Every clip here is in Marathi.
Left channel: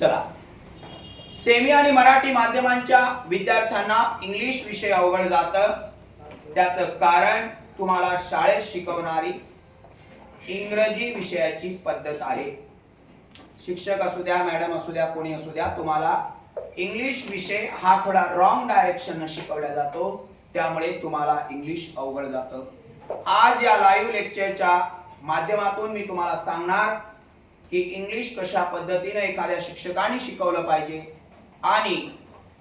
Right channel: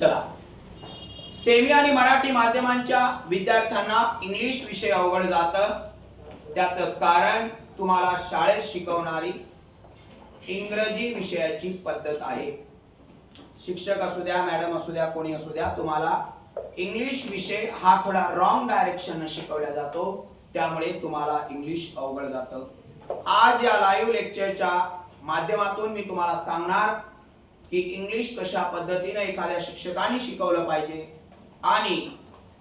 चला, सेमी आणि मराठी माध्यमांच्या विद्यार्थ्यांना इंग्लिश विषय अवघड जातं. त्याचं कारण तुम्हाला शाळेत शिकवणारी इंग्रजी विषयाची पद्धत आहे. शिक्षक असू द्या, मॅडम असू द्या, कोणी असू द्या, तुम्हाला इंग्लिश विषय हा थोडा रॉंग डायरेक्शन शिकवला जातो. त्यामुळे तुम्हाला इंग्लिश अवघड जातं. आज या लाईव्ह लेक्चरच्या माध्यमातून मी तुम्हाला सांगणार की इंग्लिश कशा पद्धतीने एखाद्या शिक्षकाने शिकवलं पाहिजे आणि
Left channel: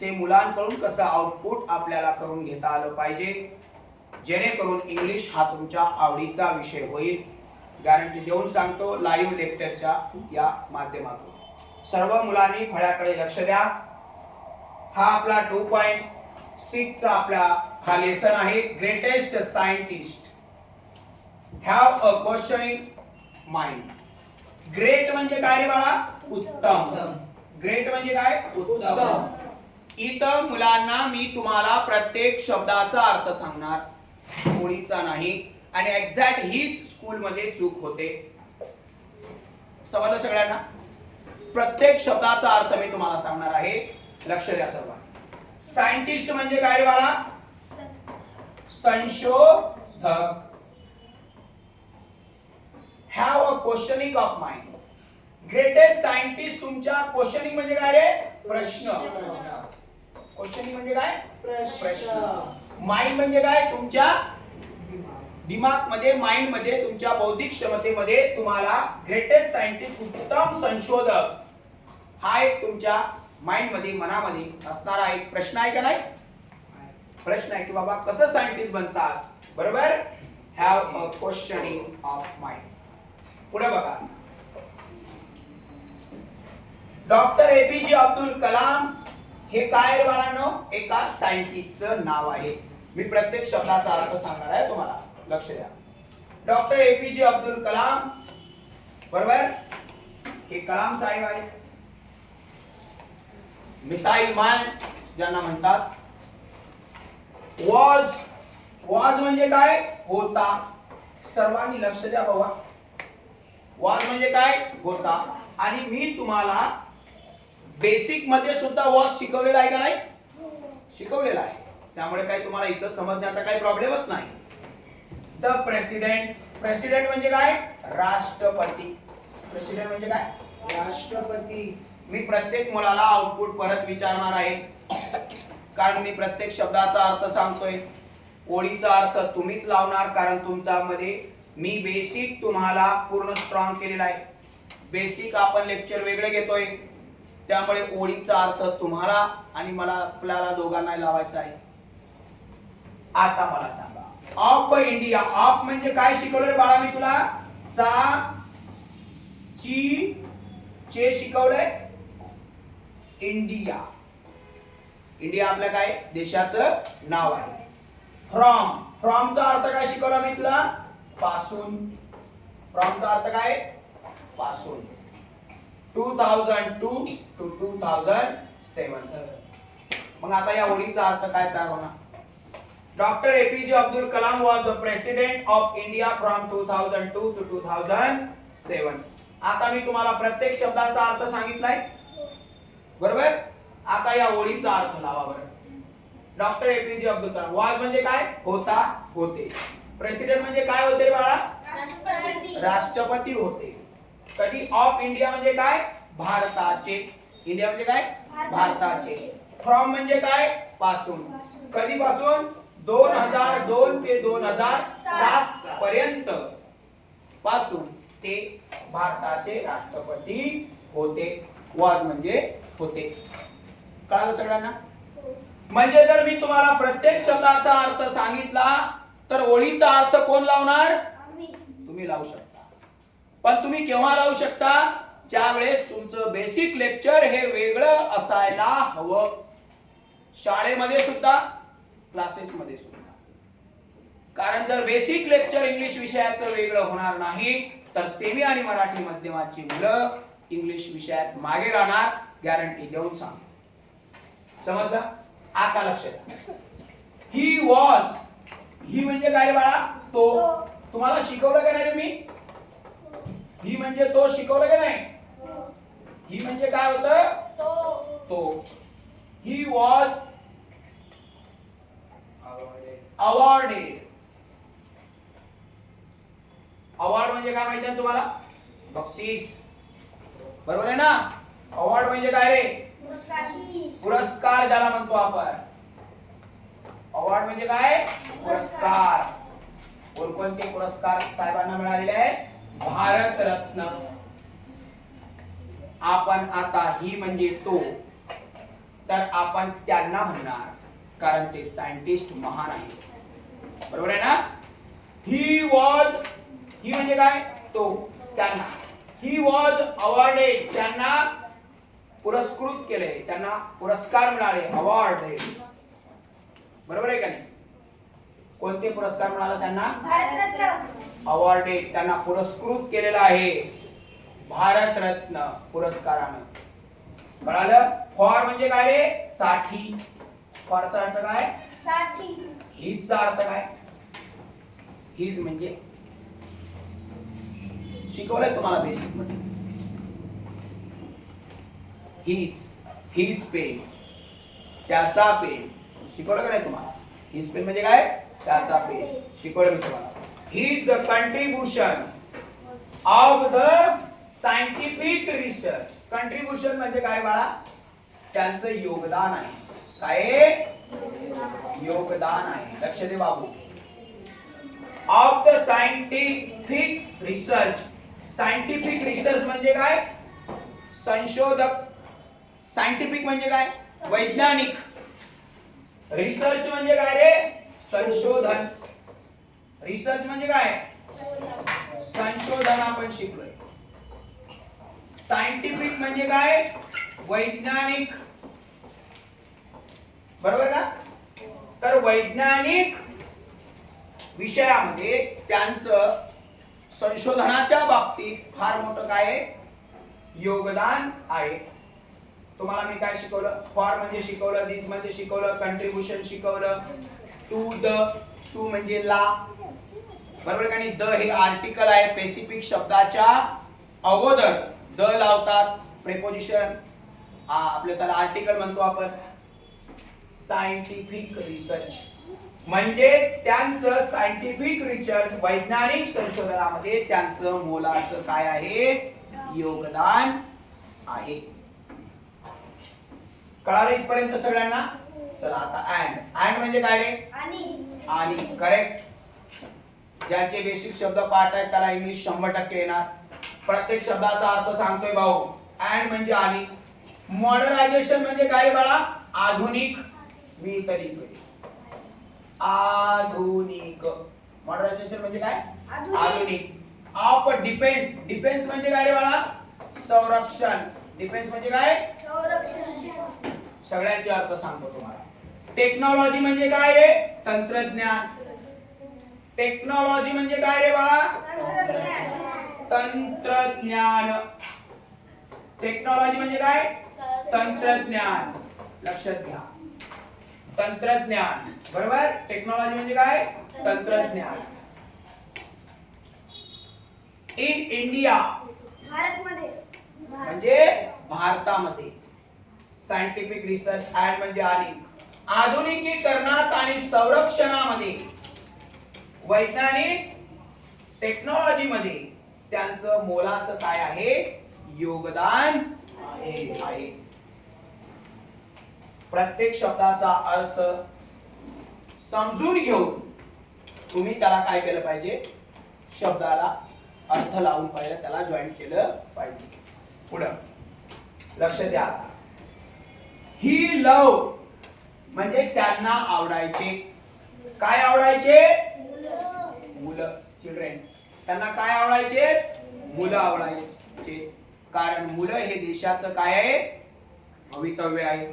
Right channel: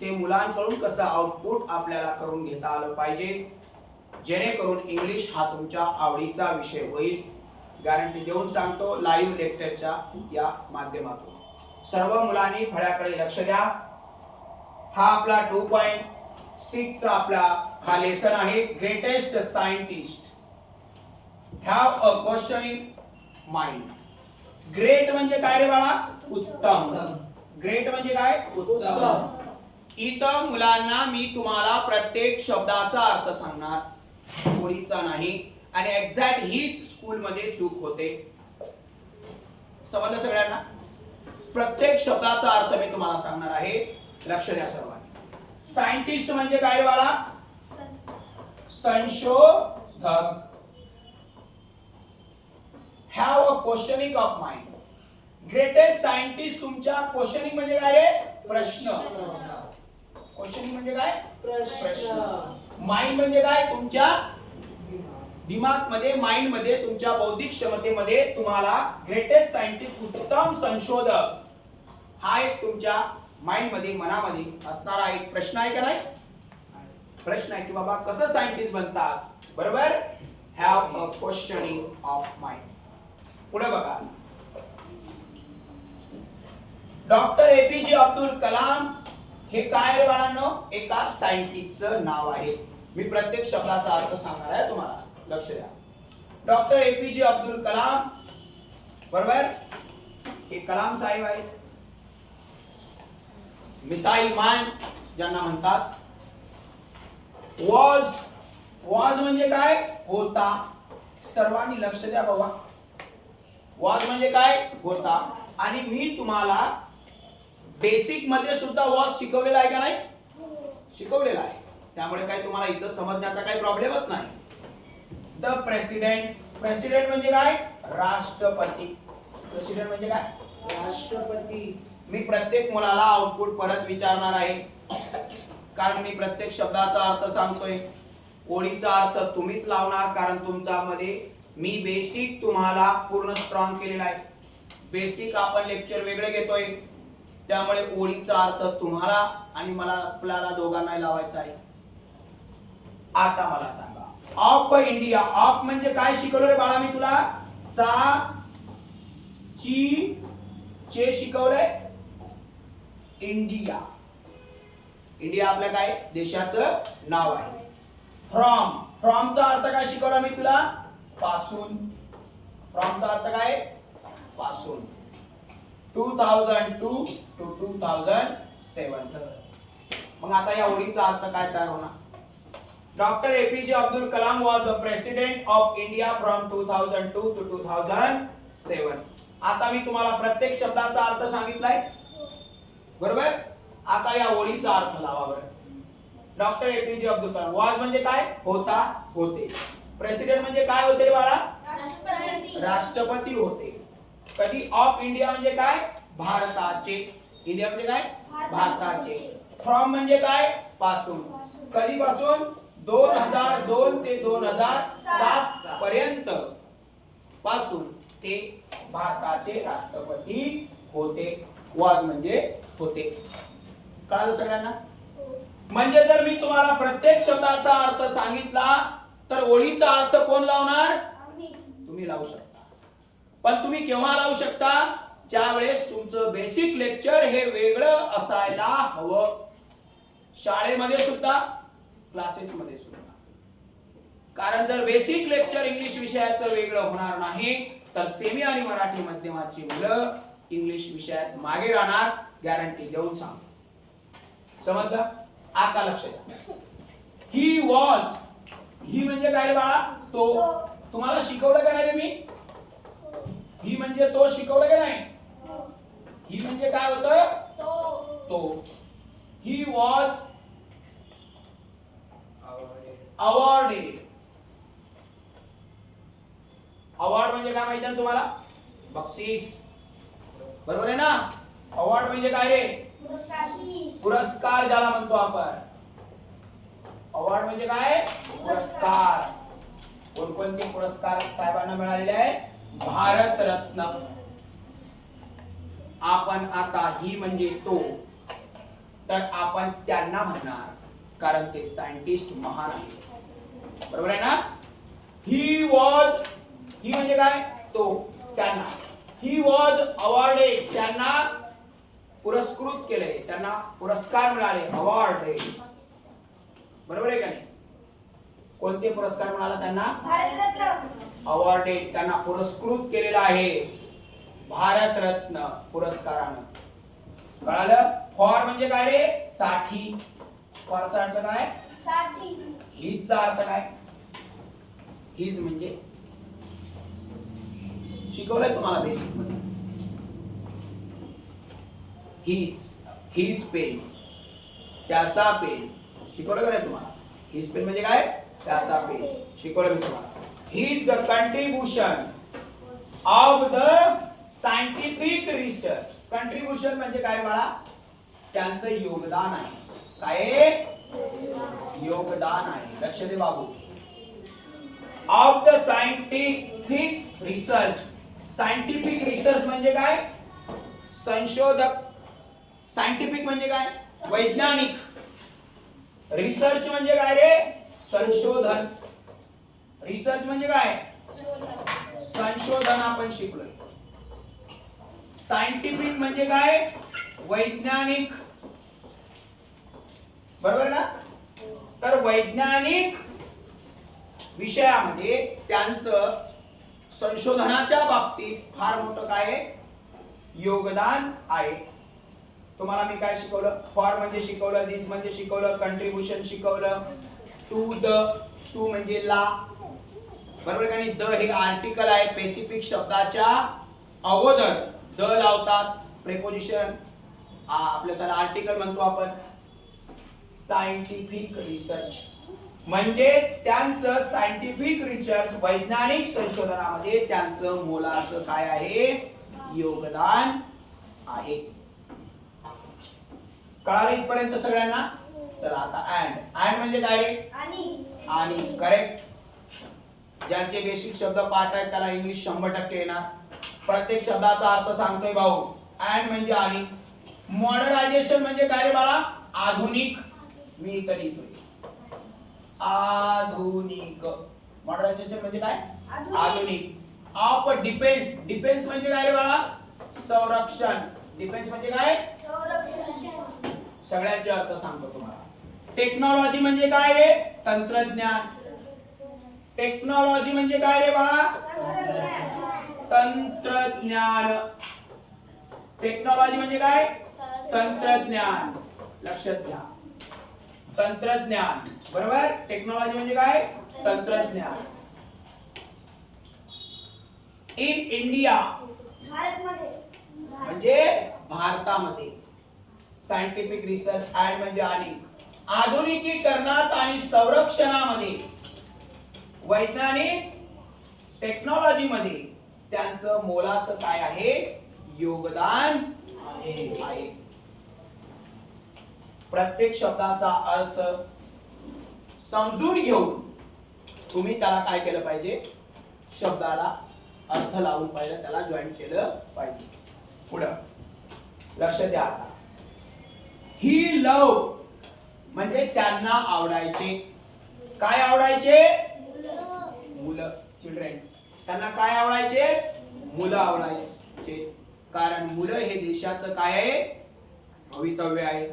ते मुलांकडून कसं आउटपुट आपल्याला करून घेता आलं पाहिजे, जेणेकरून इंग्लिश हा तुमच्या आवडीचा विषय होईल. गॅरंटी देऊन सांगतो लाईव्ह लेक्चरच्या या माध्यमातून. सर्व मुलांनी फळ्याकडे लक्ष द्या. हा आपला 2.6 चा आपला हा लेसन आहे. Greatest scientist have a questioning mind. Great म्हणजे काय रे बाळा? उत्तम. ग्रेट म्हणजे काय? उत्तम. इथं मुलांना मी तुम्हाला प्रत्येक शब्दाचा अर्थ सांगणार, ओळीचा नाही. आणि एक्झॅक्ट हीच स्कूल मध्ये चूक होते. समजलं सगळ्यांना? प्रत्येक शब्दाचा अर्थ मी तुम्हाला सांगणार आहे. लक्ष द्या सर्वांनी. सायंटिस्ट म्हणजे काय बाळा? संशोधक. Have a questioning of mind. Greatest scientist तुमच्या क्वेश्चनिंग म्हणजे काय रे? प्रश्न. क्वेश्चनिंग म्हणजे काय? प्रश्न. माइंड म्हणजे काय? तुमच्या दिमाग मध्ये, माइंड मध्ये, तुमच्या बौद्धिक क्षमतेमध्ये तुम्हाला ग्रेटेस्ट सायंटिस्ट, उत्तम संशोधक हा एक तुमच्या माइंड मध्ये, मनामध्ये असणारा एक प्रश्न आहे का नाही? प्रश्न आहे की बाबा कसं सायंटिस्ट बनतात, बरोबर? Have a questioning of mind. पुढे बघा. डॉक्टर एपीजे अब्दुल कलाम हे काय रे बाळांनो? एका सायंटिस्टचं नाव आहे. मी प्रत्येक शब्दाचा अर्थ सांगणार आहे तुम्हाला. लक्ष द्या. डॉक्टर एपीजे अब्दुल कलाम, बरोबर? हे कलाम साहेब आहे. मिसाईल मॅन ज्यांना म्हणतात. वॉज म्हणजे काय? होता. सर्वांनी लक्ष द्या बाबा. वॉज म्हणजे काय? होता. आणि मी तुम्हाला बेसिक मध्ये सुद्धा वॉज शिकवलेला आहे का नाही? शिकवलेला आहे. त्यामुळे काही तुम्हाला इथं समजण्याचा काही प्रॉब्लेमच नाही. The president. प्रेसिडेंट म्हणजे काय? राष्ट्रपती. प्रेसिडेंट म्हणजे काय? राष्ट्रपती. मी प्रत्येक मुलाला आउटपुट परत विचारणार आहे, कारण मी प्रत्येक शब्दाचा अर्थ सांगतोय. ओळीचा अर्थ तुम्हीच लावणार, कारण तुमच्या मध्ये मी बेसिक तुम्हाला पूर्ण स्ट्रॉंग केलेला आहे. बेसिक आपण लेक्चर वेगळे घेतोय, त्यामुळे ओळीचा अर्थ तुम्हाला आणि मला, आपल्याला दोघांना लावायचा आहे. आता मला सांगा, ऑफ इंडिया. ऑफ म्हणजे काय शिकवलं रे बाळा मी तुला? चा, ची, चे शिकवलंय. इंडिया. इंडिया आपल्या काय? देशाचं नाव आहे. फ्रॉम. फ्रॉमचा अर्थ काय शिकवला मी तुला? पासून. फ्रॉमचा अर्थ काय? पासून. 2002 to 2007. मग आता या ओळीचा अर्थ काय तयार होणार? Doctor APJ Abdul Kalam was the president of India from 2002 to 2007. आता मी तुम्हाला प्रत्येक शब्दाचा अर्थ सांगितलाय, बरोबर? आता या ओळीचा अर्थ लावा बरं. Doctor APJ Abdul Kalam. was म्हणजे काय? होता, होते. प्रेसिडेंट म्हणजे काय होते रे बाळा? राष्ट्रपती होते. कधी? ऑफ इंडिया म्हणजे काय? भारताचे. इंडिया म्हणजे काय? भारताचे. फ्रॉम म्हणजे काय? पासून. कधी पासून? 2002 ते 2007 पर्यंत पासून ते भारताचे राष्ट्रपती होते. वॉज म्हणजे होते. कळलं सगळ्यांना? म्हणजे जर मी तुम्हाला प्रत्येक शब्दाचा अर्थ सांगितला तर ओळीचा अर्थ कोण लावणार? तुम्ही लावू शकता. पण तुम्ही केव्हा लावू शकता? ज्यावेळेस तुमचं बेसिक लेक्चर हे वेगळं असायला हवं. शाळेमध्ये सुद्धा, क्लासेस मध्ये सुद्धा. कारण जर बेसिक लेक्चर इंग्लिश विषयाचं वेगळं होणार नाही तर सेमी आणि मराठी माध्यमाची मुलं इंग्लिश विषयात मागे राहणार. गॅरंटी देऊन सांग. समजलं? आता लक्ष द्या. He was. ही म्हणजे काय रे बाळा? तो. तुम्हाला शिकवलं का नाही रे मी? ही म्हणजे तो शिकवलं का नाही? ही म्हणजे काय होतं? तो. He was awarded. अवॉर्ड म्हणजे काय माहिती आहे तुम्हाला? बक्षीस. बरोबर आहे ना? अवॉर्ड म्हणजे काय रे? पुरस्कार ज्याला म्हणतो आपण. अवॉर्ड म्हणजे काय? पुरस्कार. कोणकोणते पुरस्कार साहेबांना मिळालेले आहेत? भारत रत्न. आपण आता ही म्हणजे तो, तर आपण त्यांना म्हणणार, कारण ते सायंटिस्ट महान आहे. बरोबर आहे ना? ही वॉज, ही म्हणजे काय? तो, त्यांना. ही वॉज अवॉर्डेड, त्यांना पुरस्कृत केले, त्यांना पुरस्कार मिळाले, अवॉर्ड. बरोबर आहे का नाही? कोणते पुरस्कार मिळाला त्यांना? अवॉर्डेड, त्यांना पुरस्कृत केलेला आहे भारत रत्न पुरस्कारानं. कळालं? फॉर म्हणजे काय रे? साठी. फॉरचा अर्थ काय? साठी. हीजचा अर्थ काय? हीज म्हणजे शिकवलंय तुम्हाला बेसिक मध्ये. हीज पेन, त्याचा पेन. शिकवलं का नाही तुम्हाला? हीज पेन म्हणजे काय? त्याचा पेन. शिकवलं मी तुम्हाला. He's the contribution of the scientific research. Contribution म्हणजे काय बाळा? त्यांचं योगदान आहे. काय? योगदान आहे. लक्ष दे बाबू. Of the scientific research. Scientific research म्हणजे काय? संशोधक. सायंटिफिक म्हणजे काय? वैज्ञानिक. रिसर्च म्हणजे काय रे? संशोधन. रिसर्च म्हणजे काय? संशोधन आपण शिकलोय. सायंटिफिक म्हणजे काय? वैज्ञानिक. बरोबर ना? तर वैज्ञानिक विषयामध्ये त्यांचं संशोधनाच्या बाबतीत फार मोठं काय आहे? योगदान आहे. तुम्हाला मी काय शिकवलं? फॉर म्हणजे शिकवलं, दिस म्हणजे शिकवलं, कंट्रीब्युशन शिकवलं, टू द, टू म्हणजे ला. बरोबर का नाही? द हे आर्टिकल आहे. स्पेसिफिक शब्दाच्या अगोदर द लावतात. प्रेपोजिशन आपल्या त्याला आर्टिकल म्हणतो आपण. सायंटिफिक रिसर्च म्हणजे त्यांचं सायंटिफिक रिसर्च, वैज्ञानिक संशोधनामध्ये त्यांचं मोलाचं काय आहे? योगदान आहे. कळालं इथपर्यंत सगळ्यांना? चला आता अँड. अँड म्हणजे काय रे? आणि. करेक्ट. ज्यांचे बेसिक शब्द पाठ आहेत त्याला इंग्लिश 100% येणार. प्रत्येक शब्दाचा अर्थ सांगतोय भाऊ. अँड म्हणजे आणि. मॉडर्नायझेशन म्हणजे काय रे बाळा? आधुनिक. मी इथे लिहितोय आधुनिक. मॉडर्नायझेशन म्हणजे काय? आधुनिक. Of defence. डिफेन्स म्हणजे काय रे बाळा? संरक्षण. डिफेन्स म्हणजे काय? संरक्षण. सगळ्यांचे अर्थ सांगतो तुम्हाला. टेक्नॉलॉजी म्हणजे काय रे? तंत्रज्ञान. टेक्नॉलॉजी म्हणजे काय रे बाळा? तंत्रज्ञान. टेक्नॉलॉजी म्हणजे काय? तंत्रज्ञान. लक्षात घ्या. तंत्रज्ञान. बरोबर? टेक्नॉलॉजी म्हणजे काय? तंत्रज्ञान. In India. भारतमध्ये. म्हणजे भारतामध्ये. सायंटिफिक रिसर्च अँड म्हणजे आणि. आधुनिकीकरणात आणि संरक्षणामध्ये, वैज्ञानिक टेक्नॉलॉजी मध्ये त्यांचं मोलाचं काय आहे? योगदान आहे. प्रत्येक शब्दाचा अर्थ समजून घेऊन तुम्ही त्याला काय केलं पाहिजे? शब्दाला अर्थ लावून पाहिजे, त्याला जॉईन केलं पाहिजे. पुढं लक्ष द्या. आता ही लव म्हणजे त्यांना आवडायचे. काय आवडायचे? मुलं. चिल्ड्रेन. त्यांना काय आवडायचे? मुलं आवडायचे. कारण मुलं हे देशाचं काय आहे? भवितव्य आहे.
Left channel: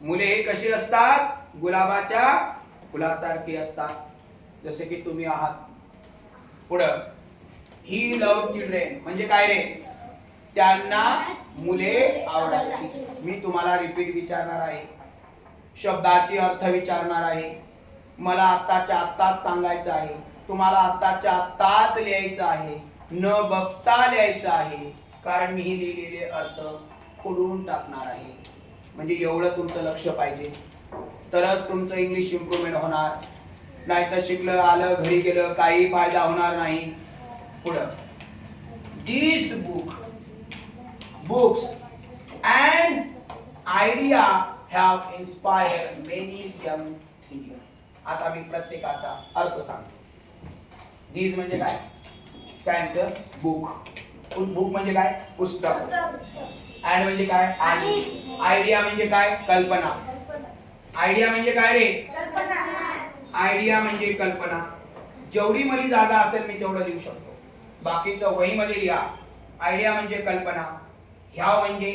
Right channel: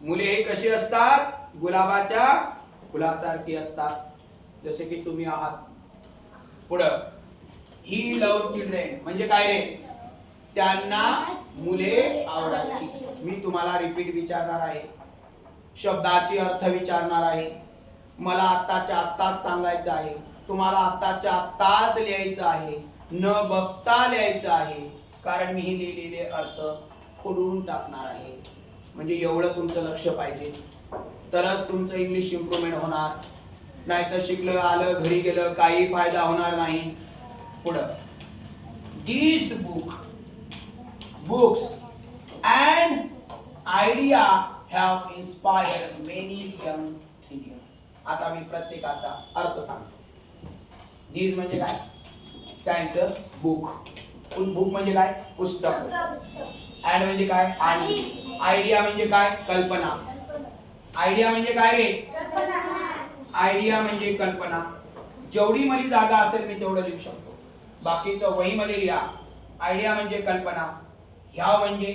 मुले हे कशी असतात? गुलाबाच्या फुलासारखी असतात, जसे की तुम्ही आहात. पुढं ही लव चिल्ड्रेन म्हणजे काय रे? त्यांना मुले आवडायची. मी तुम्हाला रिपीट विचारणार आहे, शब्दाची अर्थ विचारणार आहे. मला आत्ताच्या आत्ताच सांगायचं आहे. तुम्हाला आत्ताच्या आत्ताच लिहायचं आहे, न बघता लिहायचं आहे. कारण मी ही लिहिलेले अर्थ खोडून टाकणार आहे. म्हणजे एवढं तुमचं लक्ष पाहिजे, तरच तुमचं इंग्लिश इम्प्रूव्हमेंट होणार. नाहीतर शिकलं आलं घरी गेलं काही फायदा होणार नाही. पुढं this books and idea have inspired many young Indians. आता मी प्रत्येकाचा अर्थ सांगतो. दिस म्हणजे काय, त्यांचं बुक. बुक म्हणजे काय, पुस्तक. अँड म्हणजे काय, आणि. आयडिया म्हणजे काय, कल्पना. आयडिया म्हणजे काय रे, आयडिया म्हणजे कल्पना. जेवढी मला जागा असेल मी तेवढं लिहू शकतो, बाकीचं वहीमध्ये लिहा. आयडिया म्हणजे कल्पना. ह्या म्हणजे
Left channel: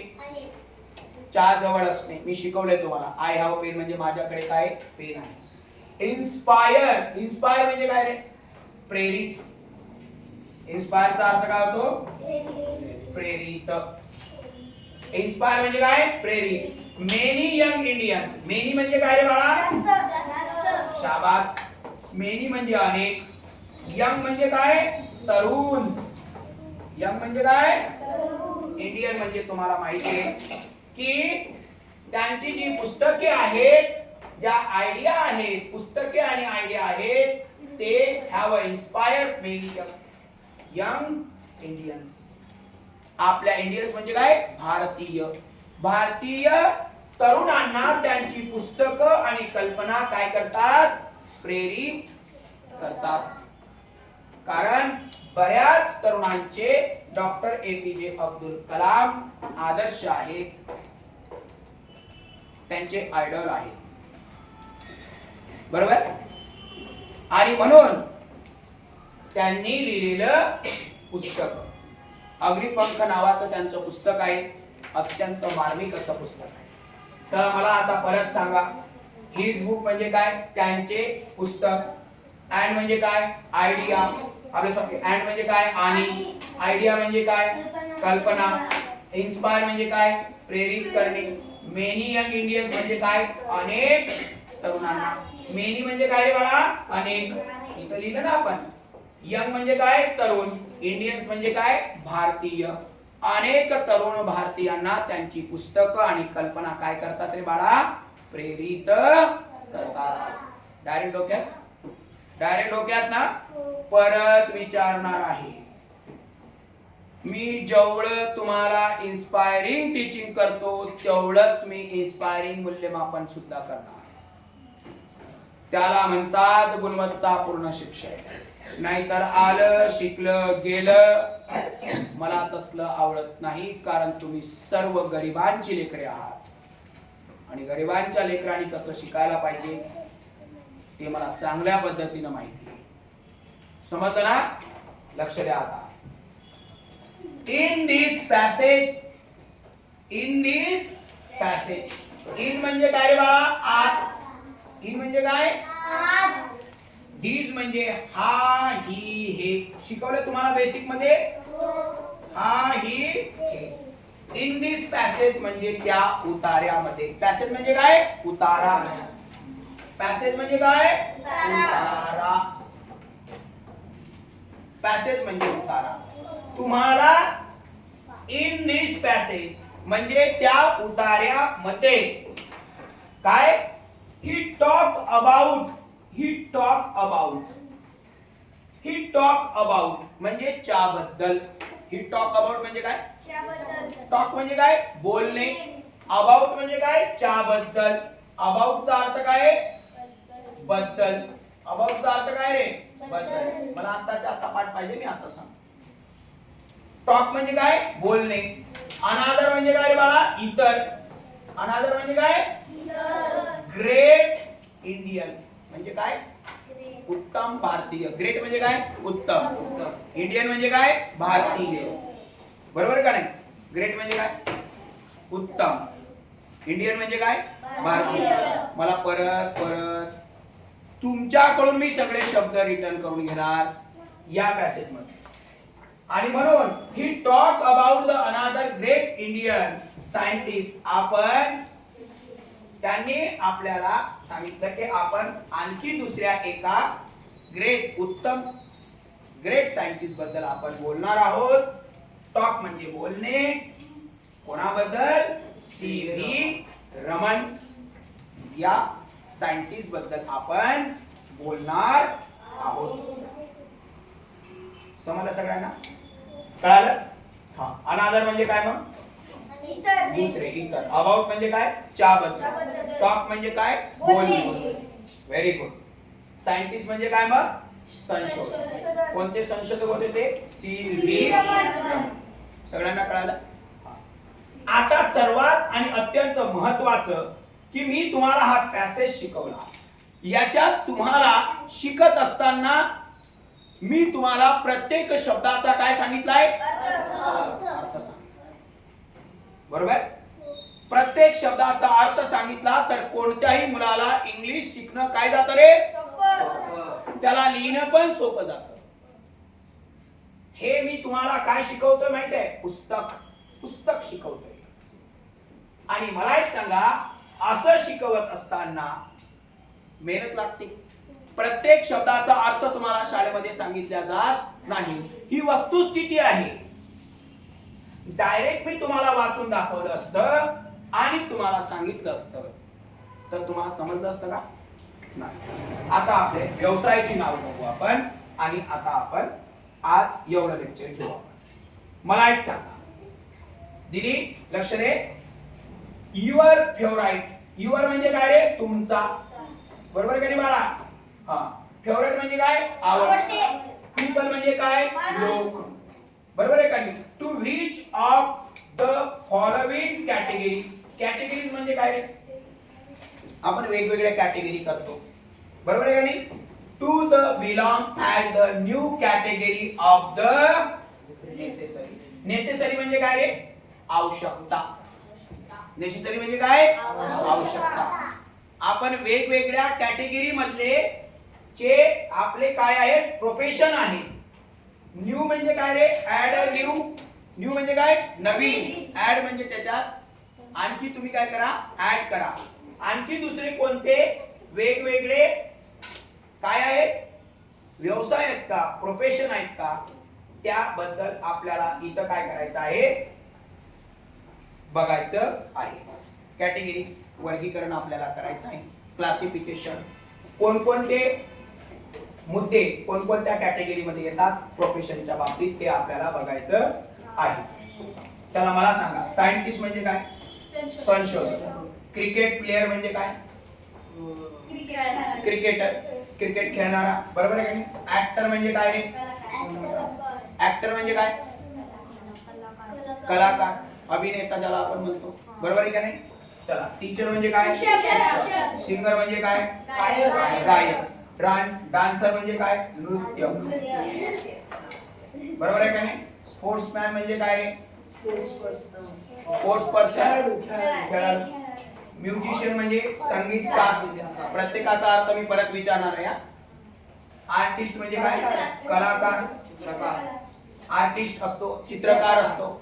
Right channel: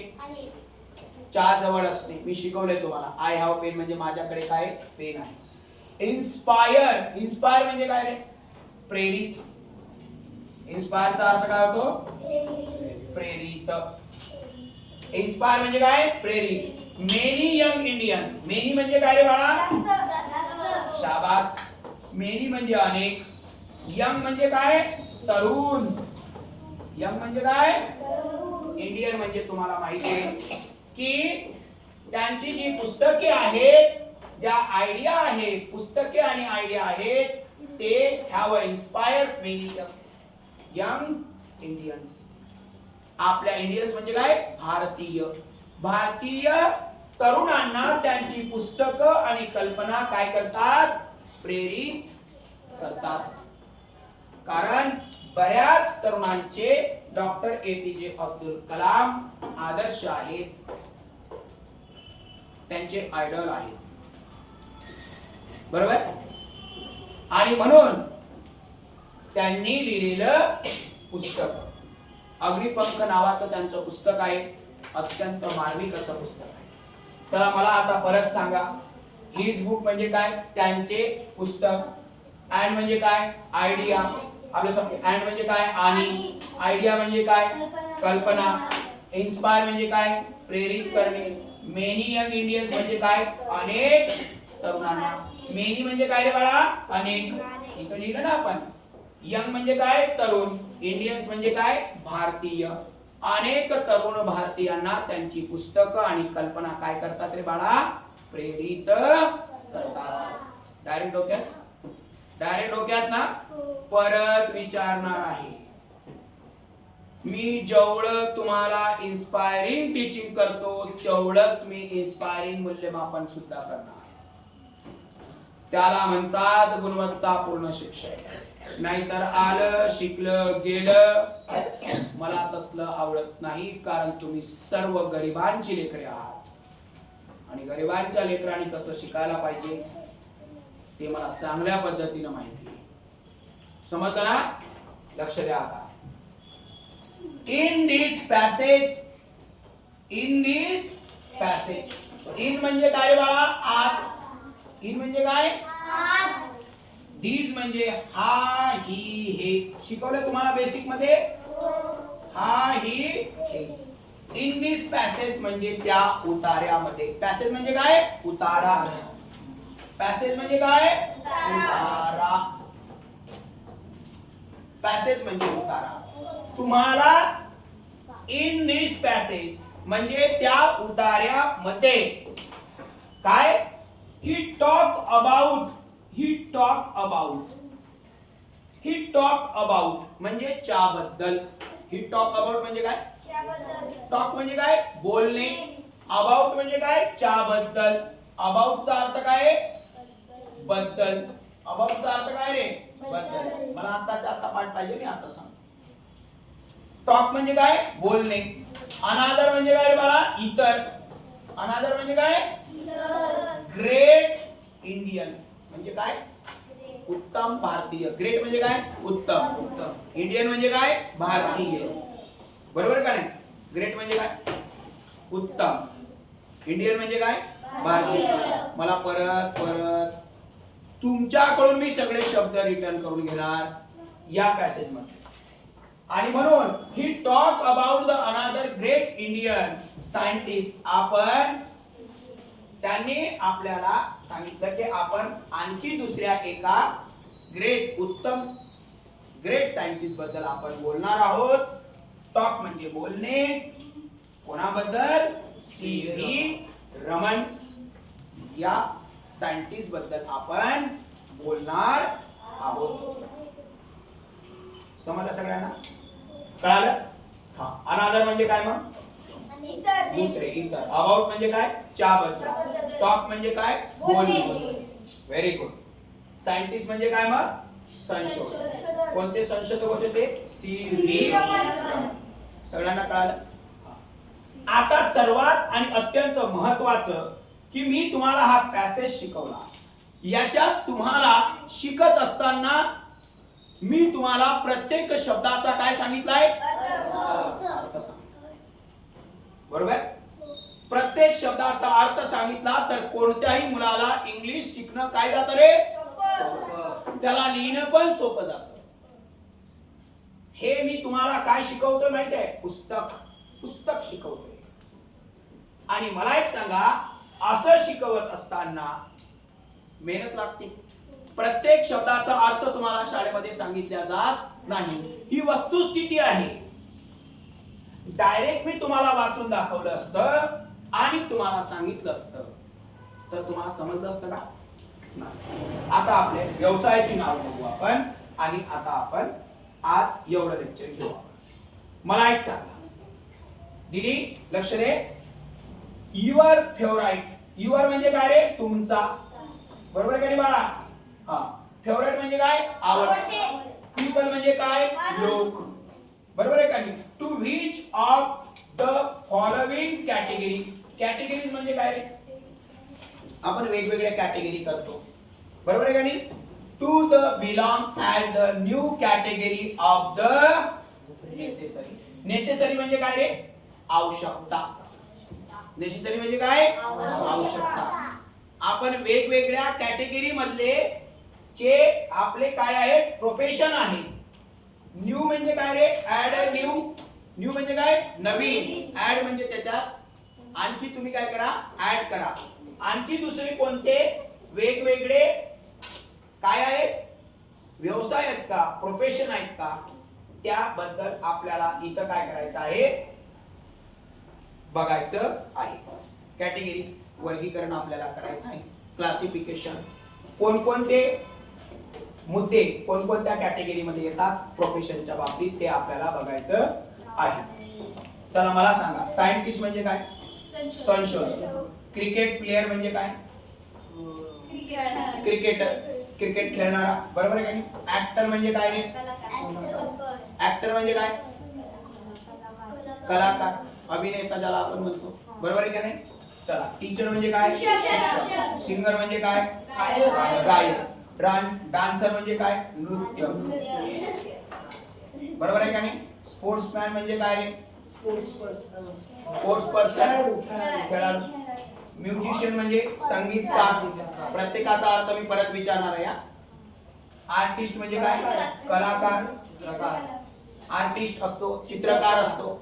च्या जवळ असणे. मी शिकवले तुम्हाला. आय हॅव पेन म्हणजे माझ्याकडे काय पेन आहे. इन्स्पायर, इन्स्पायर म्हणजे काय रे, प्रेरित. इन्स्पायरचा अर्थ काय होतो, प्रेरित. इन्स्पायर म्हणजे काय, प्रेरित. मेनी यंग इंडियन्स, मेनी म्हणजे काय रे बाळा, शाबास. मेनी म्हणजे अनेक. यंग म्हणजे काय, तरुण. यंग म्हणजे काय, इंडियन म्हणजे तुम्हाला माहिती आहे की त्यांची जी पुस्तके आहेत, ज्या आयडिया आहेत, पुस्तके आणि आयडिया आहेत, ते have inspired many young Indians. आपल्या इंडियन्स म्हणजे काय, भारतीय. भारतीय तरुणांना त्यांची पुस्तकं आणि कल्पना काय करतात, प्रेरित करतात. कारण बऱ्याच तरुणांचे डॉक्टर एपीजे अब्दुल कलाम आदर्श आहेत, त्यांचे आयडॉल आहेत. बरोबर. आणि म्हणून त्यांनी लिहिलेलं पुस्तक अग्निपंख नावाचं त्यांचं पुस्तक आहे. अत्यंत मार्मिक असं पुस्तक आहे. चला मला आता परत सांगा. हिज बुक म्हणजे काय, त्यांचे पुस्तक. अँड म्हणजे काय, आयडिया. आपल्या समोर अँड म्हणजे काय, आणि. आयडिया म्हणजे काय, कल्पना. इन्स्पायर म्हणजे काय, प्रेरित करणे. मेनी यंग इंडियन्स म्हणजे काय, अनेक तरुणांना. मेनी म्हणजे काय रे बाळा, अनेक. इथं लिहिलं ना आपण. यंग म्हणजे काय, तरुण. इंडियन्स म्हणजे काय, भारतीय. अनेक तरुण भारतीयांना त्यांची पुस्तकं आणि कल्पना काय करतात रे बाळा, प्रेरित करतात. डायरेक्ट डोक्यात, डायरेक्ट डोक्यात ना. परत विचारणार आहे मी. जेवढं तुम्हाला इन्स्पायरिंग टीचिंग करतो तेवढंच मी इन्स्पायरिंग मूल्यमापन सुद्धा करणार. त्याला म्हणतात गुणवत्तापूर्ण शिक्षण. नाहीतर आलं शिकलं गेलं, मला तसलं आवडत नाही. कारण तुम्ही सर्व गरिबांची लेकरे आहात आणि गरिबांच्या लेकरांनी कसं शिकायला पाहिजे ते मला चांगल्या पद्धतीने माहिती आहे. समजलं ना. लक्ष द्या आता. In this passage, in this passage. In म्हणजे काय रे बाळा, आत. इन म्हणजे काय, दिस म्हणजे हा ही हे. शिकवलं तुम्हाला बेसिक मध्ये, हा ही हे. इन दिस पॅसेज म्हणजे त्या उतार्यामध्ये. पॅसेज म्हणजे काय, उतारा. पॅसेज म्हणजे काय, उतारा. पॅसेज म्हणजे उतारा. तुम्हाला इन दिस पॅसेज म्हणजे त्या उतार्यामध्ये काय, ही talk about, he talk about, he talk about म्हणजे च्याबद्दल. ही टॉक अबाउट म्हणजे काय, टॉक म्हणजे काय, बोलणे. अबाउट म्हणजे काय, च्याबद्दल. अबाउटचा अर्थ काय, बद्दल. अबाउटचा अर्थ काय रे, बद्दल. मला आताच्या आता पाठ पाहिजे, मी आता सांग. टॉक म्हणजे काय, बोलणे. अनादर म्हणजे काय रे बाळा, इतर. अनादर म्हणजे काय, ग्रेट इंडियन म्हणजे काय, उत्तम भारतीय. ग्रेट म्हणजे काय, उत्तम. इंडियन म्हणजे काय, भारतीय. बरोबर का नाही. ग्रेट म्हणजे काय, उत्तम. इंडियन म्हणजे काय, भारतीय. मला परत परत तुमच्याकडून मी सगळे शब्द रिटर्न करून घेणार या पॅसेज मध्ये. आणि म्हणून ही talk about the another great Indian scientist. आपण त्यांनी आपल्याला सांगितलं की आपण आणखी दुसऱ्या एका ग्रेट, उत्तम ग्रेट सायंटिस्ट बद्दल आपण बोलणार आहोत. टॉक म्हणजे बोलणे. कोणाबद्दल? सी.व्ही. रमन या सायंटिस्ट बद्दल आपण बोलणार आहोत. समजलं सगळ्यांना? कळालं? हा. अनादर म्हणजे काय मग? दुसरे, इतर. अबाउट म्हणजे काय? च्याबद्दल. टॉक म्हणजे काय? बोलणे. Very good. सायंटिस्ट म्हणजे काय मग? संशोधक. कोणते संशोधक होते ते? सी.व्ही. रमन. सगळ्यांना कळालं? आता सर्वात आणि अत्यंत महत्वाचं की मी तुम्हाला हा पॅसेज शिकवला. याच्यात तुम्हाला शिकत असताना मी तुम्हाला प्रत्येक शब्दाचा काय सांगितलाय? अर्थ सांगितला. बरोबर? प्रत्येक शब्दाचा अर्थ सांगितला तर कोणत्याही मुलाला इंग्लिश शिकणं काय जातं रे? त्याला लिहिणं पण सोपं जातं. हे मी तुम्हाला काय शिकवतोय माहिती आहे? पुस्तक शिकवतोय. आणि मला एक सांगा, असं शिकवत असताना मेहनत लागते. प्रत्येक शब्दाचा अर्थ तुम्हाला शाळेमध्ये सांगितला जात नाही. ही वस्तुस्थिती आहे. डायरेक्ट मी तुम्हाला वाचून दाखवलं असतं आणि तुम्हाला सांगितलं असतं तर तुम्हाला समजलं असतं का? नाही. आता आपले व्यवसायाची नाव बघू आपण आणि आता आपण आज एवढं लेक्चर घेऊ आपण. मला एक सांगा दीदी, लक्ष दे. Your favourite. युअर म्हणजे काय रे? तुमचा. बरोबर का रे बाळा? हा. फेवरेट म्हणजे काय? आवडते. पीपल म्हणजे काय? लोक. बरोबर आहे का नाही? To which of the following category. Categories म्हणजे काय रे? आपण वेगवेगळ्या कॅटेगरी करतो. बरोबर आहे का नाही? To the belong at the new category of the necessary. Necessary म्हणजे काय रे? आवश्यकता. नेसेसरी म्हणजे काय? आवश्यकता. आपण वेगवेगळ्या कॅटेगरी मधले चे आपले काय आहेत? प्रोफेशन आहे. न्यू म्हणजे काय रे? Add a new. न्यू म्हणजे काय? नवीन. ऍड म्हणजे त्याच्यात आणखी तुम्ही काय करा? ऍड करा. आणखी दुसरे कोणते वेगवेगळे काय आहेत? व्यवसाय आहेत का? प्रोफेशन आहेत का? त्याबद्दल आपल्याला इथं काय करायचं आहे? बघायचं आहे. कॅटेगरी वर्गीकरण आपल्याला करायचं आहे. क्लासिफिकेशन. कोणकोणते मुद्दे कोणकोणत्या कॅटेगरी मध्ये येतात प्रोफेशनच्या बाबतीत ते आपल्याला बघायचं आहे. चला मला सांगा, सायंटिस्ट म्हणजे काय? संशोधक. क्रिकेट प्लेयर म्हणजे काय? क्रिकेटर. क्रिकेट खेळणारा. बरोबर आहे का नाही? ऍक्टर म्हणजे काय? ऍक्टर म्हणजे काय? कलाकार, अभिनेता ज्याला आपण म्हणतो. बरोबर आहे का नाही? चला. टीचर म्हणजे काय? सिंगर म्हणजे काय? गायक. डान्सर म्हणजे काय? नृत्य. बरोबर आहे का नाही? स्पोर्ट्समॅन म्हणजे काय रे? स्पोर्ट्स पर्सन, खेळाडू. म्युझिशियन म्हणजे संगीतकार. प्रत्येकाचा अर्थ मी परत विचारणार आहे. आर्टिस्ट म्हणजे काय? कलाकार. आर्टिस्ट असतो, चित्रकार असतो.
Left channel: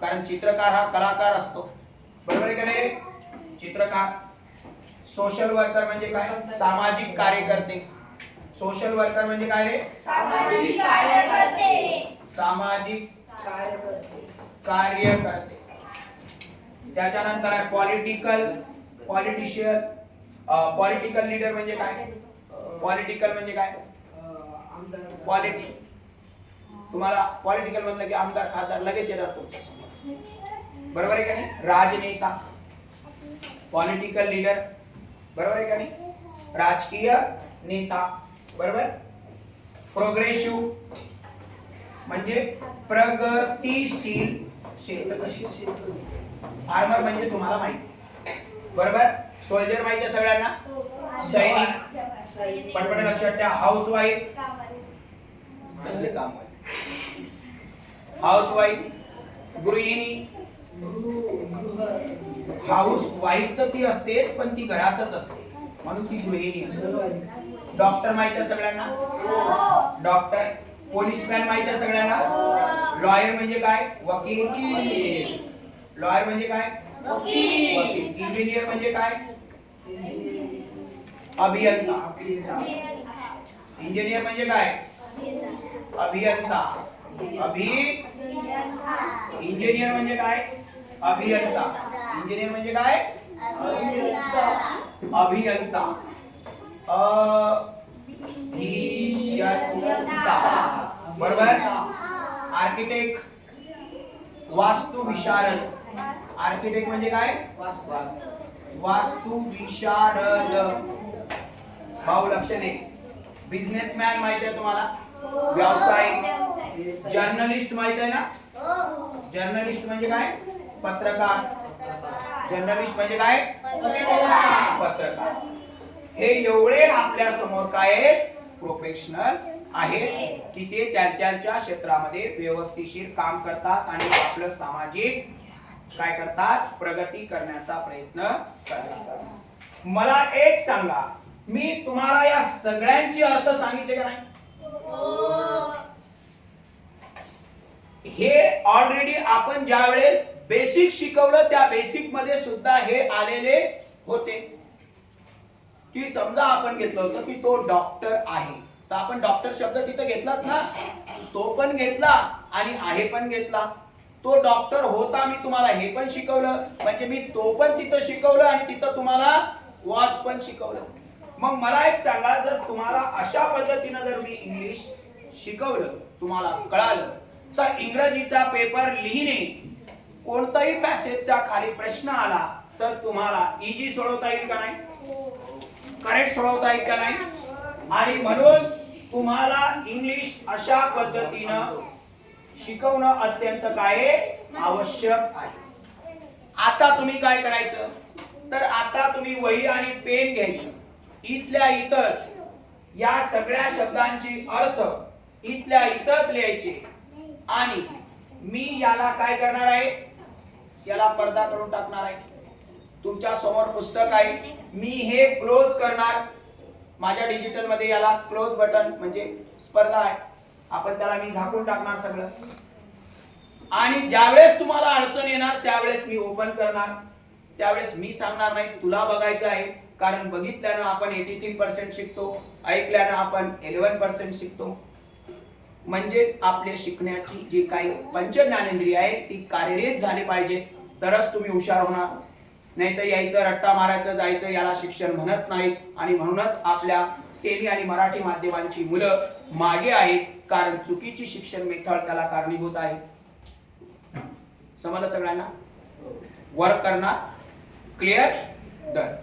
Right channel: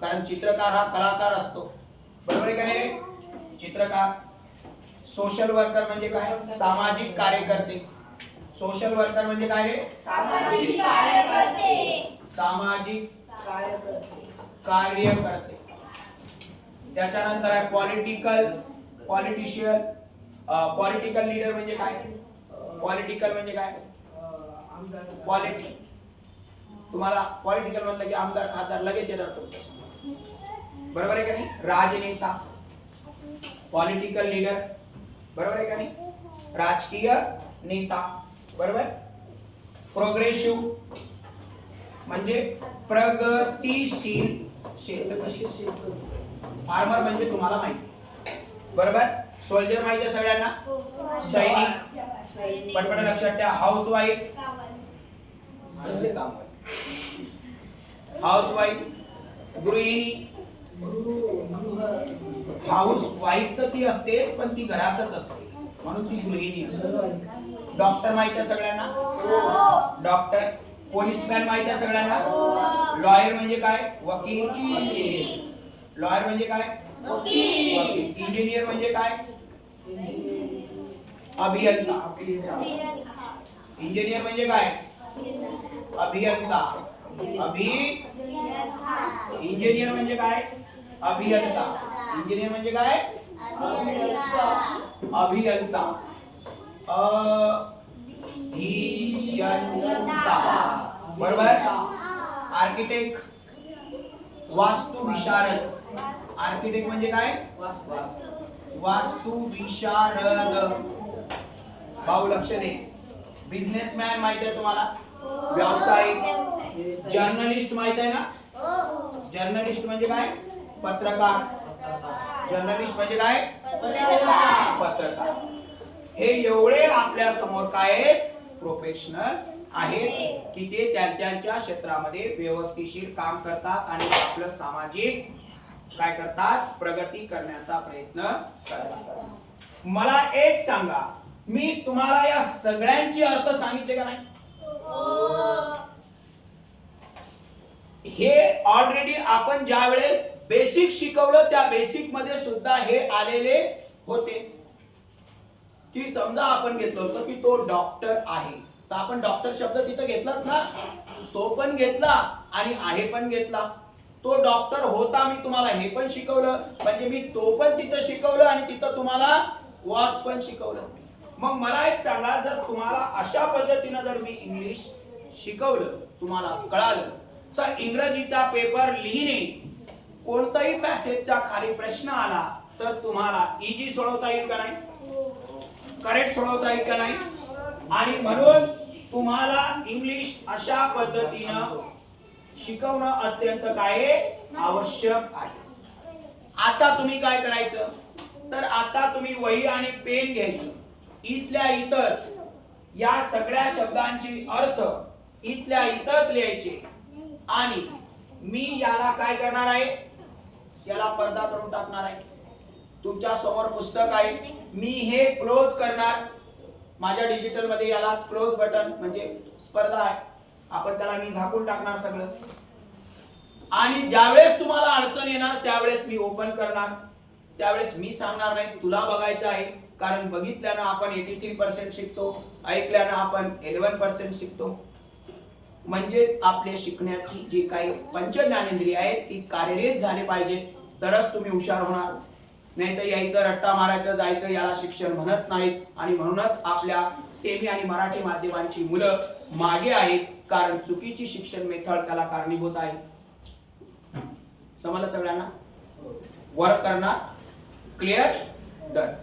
कारण चित्रकार हा कलाकार असतो. बरोबर आहे का नाही रे? चित्रकार. सोशल वर्कर म्हणजे काय? सामाजिक कार्यकर्ते. सोशल वर्कर म्हणजे काय रे? सामाजिक कार्यकर्ते. त्याच्यानंतर आहे पॉलिटिशियन. पॉलिटिकल लीडर म्हणजे काय? पॉलिटिकल म्हणजे काय? पॉलिटिक. तुम्हाला पॉलिटिकल म्हणलं की आमदार खासदार लगेच येणार तुमच्या. बरोबर आहे का नाही? राजनेता. Political leader. बरोबर आहे का नाही? राजकीय नेता. बरोबर. प्रोग्रेसिव्ह म्हणजे प्रगतिशील. फार्मर म्हणजे तुम्हाला माहिती. बरोबर. सोल्जर माहिती आहे सगळ्यांना? सैनिक. पटपट लक्षात ठेवा. House wife. कसले काम? House wife. गृहिणी. हाऊस वाईफ तर ती असतेच पण ती घरातच असते म्हणून ती गृहिणी असते. डॉक्टर माहिती आहे सगळ्यांना? डॉक्टर. पोलीसमॅन माहिती आहे सगळ्यांना? लॉयर म्हणजे काय? वकील. लॉयर म्हणजे काय? वकील. इंजिनियर म्हणजे काय? अभियंता. इंजिनियर म्हणजे काय? अभियंता. इंजिनियर म्हणजे काय? अभियंता. इंजिनियर म्हणजे काय? अभियंता. अभियंता. बरोबर. आर्किटेक्ट, वास्तु विशारद. आर्किटेक्ट म्हणजे काय? वास्तु विशारद. भाऊ लक्ष दे. बिझनेसमॅन माहिती आहे तुम्हाला? व्यावसायिक. जर्नलिस्ट माहिती आहे ना? जर्नलिस्ट म्हणजे काय? पत्रकार. जर्नलिस्ट म्हणजे काय? पत्रकार. हे एवढे आपल्या समोर काय आहेत? प्रोफेशनल आहेत की ते त्यांच्या क्षेत्रामध्ये व्यवस्थिशीर काम करतात आणि आपलं सामाजिक काय करतात? प्रगती करण्याचा प्रयत्न करतात. मला एक सांगा, मी तुम्हाला या सगळ्यांचे अर्थ सांगितले का नाही? हे ऑलरेडी आपण ज्या वेळेस बेसिक शिकवलं त्या बेसिक मध्ये सुद्धा हे आलेले होते की समजा आपण घेतलं होतं की तो डॉक्टर आहे, तर आपण डॉक्टर शब्द तिथे घेतलाच ना, तो पण घेतला आणि आहे पण घेतला. तो डॉक्टर होता, मी तुम्हाला हे पण शिकवलं, म्हणजे मी तो पण तिथं शिकवलं आणि तिथं तुम्हाला वॉच पण शिकवलं. मग मला एक सांगा, जर तुम्हाला अशा पद्धतीनं जर मी इंग्लिश शिकवलं, तुम्हाला कळालं, तर इंग्रजीचा पेपर लिहिणे, कोणताही पॅसेजच्या खाली प्रश्न आला तर तुम्हाला इजी सोडवता येईल का नाही? करेक्ट सोडवता येईल का नाही? आणि म्हणून तुम्हाला इंग्लिश अशा पद्धतीनं शिकवणं अत्यंत काय आवश्यक आहे. आता तुम्ही काय करायचं, तर आता तुम्ही वही आणि पेन घ्यायचं. इथल्या इथंच या सगळ्या शब्दांची अर्थ इथल्या इथंच लिहायचे आणि मी याला काय करणार आहे, याला पडदा करून टाकणार आहे. तुमच्या समोर पुस्तक आहे, मी हे क्लोज करणार. माझ्या डिजिटल मध्ये याला क्लोज बटन म्हणजे स्पर्धा आहे, आपण त्याला मी झाकून टाकणार सगळं. आणि ज्यावेळेस तुम्हाला अडचण येणार त्यावेळेस मी ओपन करणार. त्यावेळेस मी सांगणार नाही तुला बघायचं आहे, कारण बघितल्यानं आपण 83% शिकतो, ऐकल्यानं आपण 11% शिकतो. म्हणजेच आपले शिकण्याची जी काही पंच ज्ञानेंद्रिय आहे ती कार्यरत झाली पाहिजे, तरच तुम्ही हुशार होणार. नाही तर यायचं रट्टा मारायचं जायचं, याला शिक्षण म्हणत नाहीत. आणि म्हणूनच आपल्या सेमी आणि मराठी माध्यमांची मुलं मागे आहेत, कारण चुकीची शिक्षण मेथड त्याला कारणीभूत आहे. समजलं सगळ्यांना? वर्क करणार. क्लिअर? डन.